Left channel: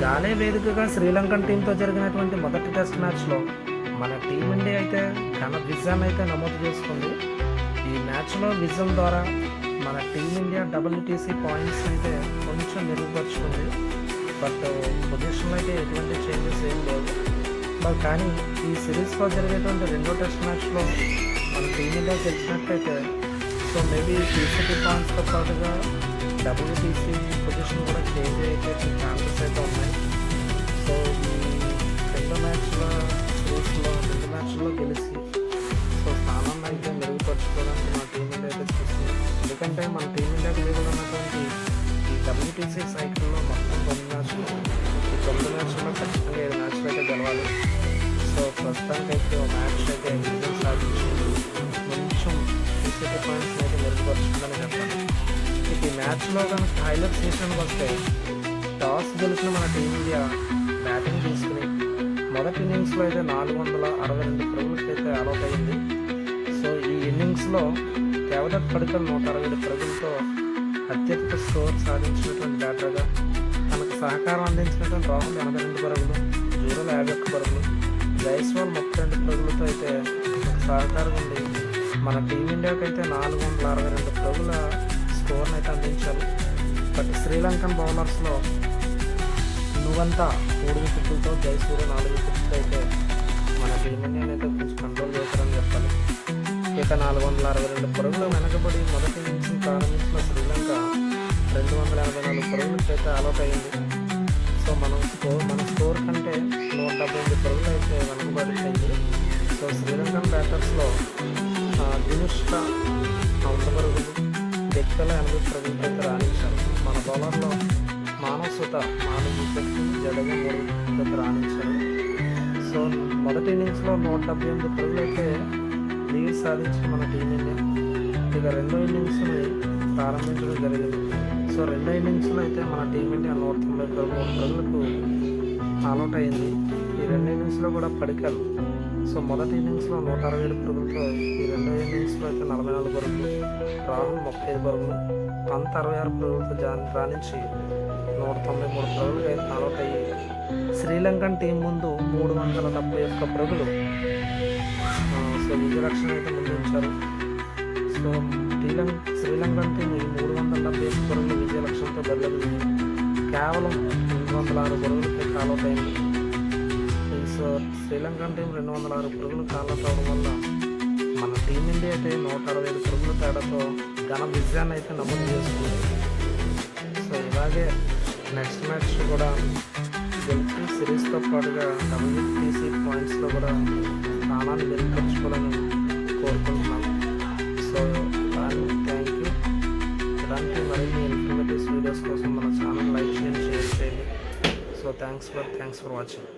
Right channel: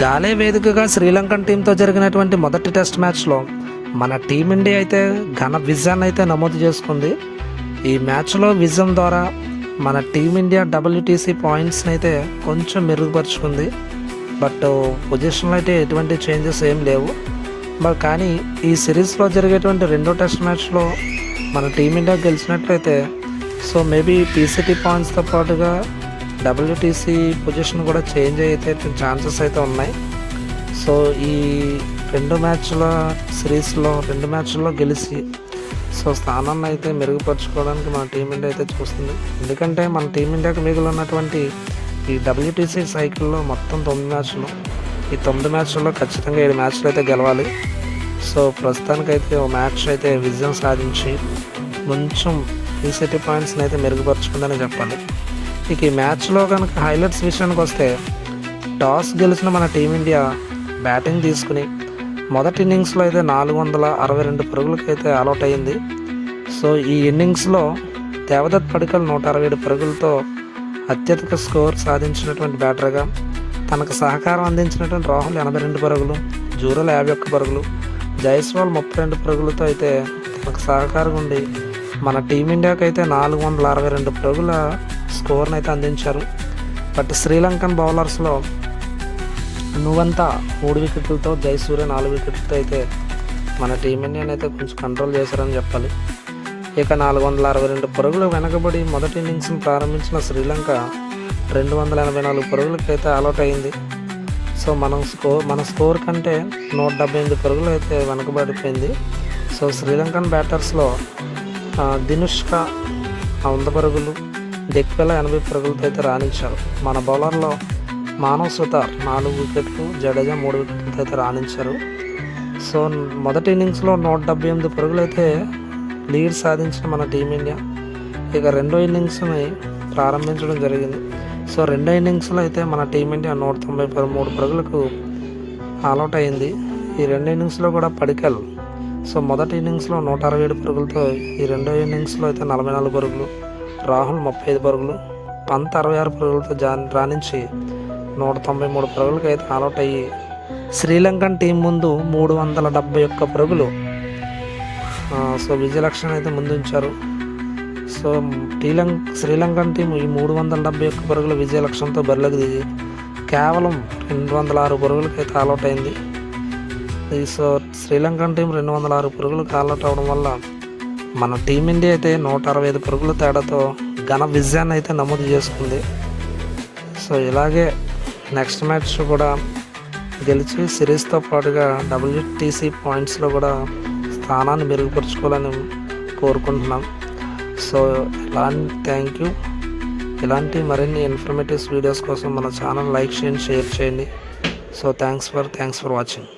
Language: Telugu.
గాలే వేదికగా శ్రీలంకన్ టీంతో జరిగినటువంటి మొదటి టెస్ట్ మ్యాచ్లో మన టీమిండియా అయితే ఘన విజయాన్ని అయితే నమోదు చేసుకుంది. ఈ మ్యాచ్లో విజయం ద్వారా మన టీమిండియా WTC పాయింట్స్ని అయితే కొంచెం మెరుగుపరుచుకుంది. బట్ పొజిషన్లో అయితే ఎటువంటి చేంజెస్ ఏం లేవు. కానీ ఈ సిరీస్లో జరిగేటువంటి రెండో టెస్ట్ మ్యాచ్లో మన టీమిండియా గెలిచినట్లయితే సో మేబీ PCT పాయింట్స్తో పాటుగా WTC పొజిషన్ కూడా చేంజ్ అయితే ఛాన్సెస్ అయితే ఉన్నాయి. సో ఈ రెండు మ్యాచ్ల్లో గెలిచి సో స్థానాన్ని అయితే మెరుగుపరచుకోవడానికి మన టీమిండియా అయితే చూస్తుంది. ఎందుకంటే మన టీమిండియాకి మిగిలినటువంటి ఈ WTC సైకిల్లో మొత్తం 9 మ్యాచ్లు. ఈ 9 మ్యాచ్ల్లో ఖచ్చితంగా 7 మ్యాచ్లు అయితే గెలవాలి. సో ప్రస్తుతానికైతే ఓ మ్యాచ్ అయితే విజయం సాధించి కొంచెం PCT పాయింట్స్ని అయితే మెరుగుపరుచుకుందని చెప్పాలి. ఇక ఈ మ్యాచ్లో కనుక హైలైట్స్ విషయానికి వస్తే టాస్ గెలిచిన మన టీమిండియా బ్యాటింగ్ తీసుకుని మొదటి ఇన్నింగ్స్లో అయితే 462 పరుగులకు అయితే ఆల్అవుట్ అయింది. సో ఈ ఇన్నింగ్స్లో దేవదత్ పడికల్ 167 పరుగులతో అత్యధిక స్కోర్ సాధించినటువంటి బ్యాటర్గా, తనకు సహకారం అందించినటువంటి రాహుల్ 82 పరుగులు, జూరల్ 51 పరుగులు, జైస్వాల్ 32 పరుగులతో అయితే తనకు సహకారం ఉండి మన టీమిండియాకి అయితే 462 పరుగుల స్కోర్ని అయితే అందించారు. బట్ శ్రీలంకన్ బౌలర్స్లో నువ్వంతా 3 వికెట్లతో, జయసూర్య 4 వికెట్లతో అయితే మన టీమిండియాని అయితే కొంచెం కంట్రోల్ చేశారని చెప్పాలి. ఇక 462 పరుగులు వెనకబడి మొదటి ఇన్నింగ్స్ని ప్రారంభించిన శ్రీలంక 284 పరుగులకి అయితే ఆల్అవుట్ అయింది. సో మన స్కోర్ కంటే 178 పరుగులు అయితే వెనకబడిపోయింది. సో శ్రీలంకన్ బ్యాటర్స్లో దినుష్క 100 పరుగులు, దిక్వెల 80 పరుగులతో అయితే రాణించారు. మన బౌలర్లో మానవ్ సుతార్ 4 వికెట్లు, జడేజా 3 వికెట్లతో అయితే రాణించారు. సో మొదటి ఇన్నింగ్స్లో 178 పరుగులు అయితే లీడ్ సాధించిన మన టీమిండియా ఇక రెండో ఇన్నింగ్స్ని ప్రారంభించడం జరిగింది. సో రెండో ఇన్నింగ్స్లో అయితే మన టీమిండియా 193 పరుగులకు ఆల్అవుట్ అయింది. ఈ రెండో ఇన్నింగ్స్లో కూడా పడికల్ సో మొదటి ఇన్నింగ్స్లో 167 పరుగులతో, ఈ రెండో ఇన్నింగ్స్లో అయితే 44 పరుగులు, రాహుల్ 35 పరుగులు, పంత్ 66 పరుగులతో రాణించి 193 పరుగులకి అయితే ఆల్అవుట్ అయ్యి శ్రీలంకన్ టీం ముందు 371 పరుగులు సో విజయలక్ష్యం అయితే ముందుంచారు. సో శ్రీలంకన్ టీం ఈ 371 పరుగుల విజయలక్ష్యంతో బరిలోకి దిగి కేవలం 206 పరుగులకి అయితే ఆల్అవుట్ అయింది. సో శ్రీలంకన్ టీం 206 పరుగులకు ఆల్అవుట్ అవడం వల్ల మన టీమిండియా అయితే 165 పరుగుల తేడాతో ఘన విజయాన్ని అయితే నమోదు చేసుకుంది. సో ఇలాగే నెక్స్ట్ మ్యాచ్ కూడా గెలిచి సిరీస్తో పాటుగా WTC పాయింట్స్లో కూడా స్థానాన్ని మెరుగుపరుచుకోవాలని కోరుకుంటున్నాం. So thank you. ఇలాంటి మరిన్ని ఇన్ఫర్మేటివ్ వీడియోస్ కోసం మన ఛానల్ లైక్ చేయండి, షేర్ చేయండి. So thanks for watching.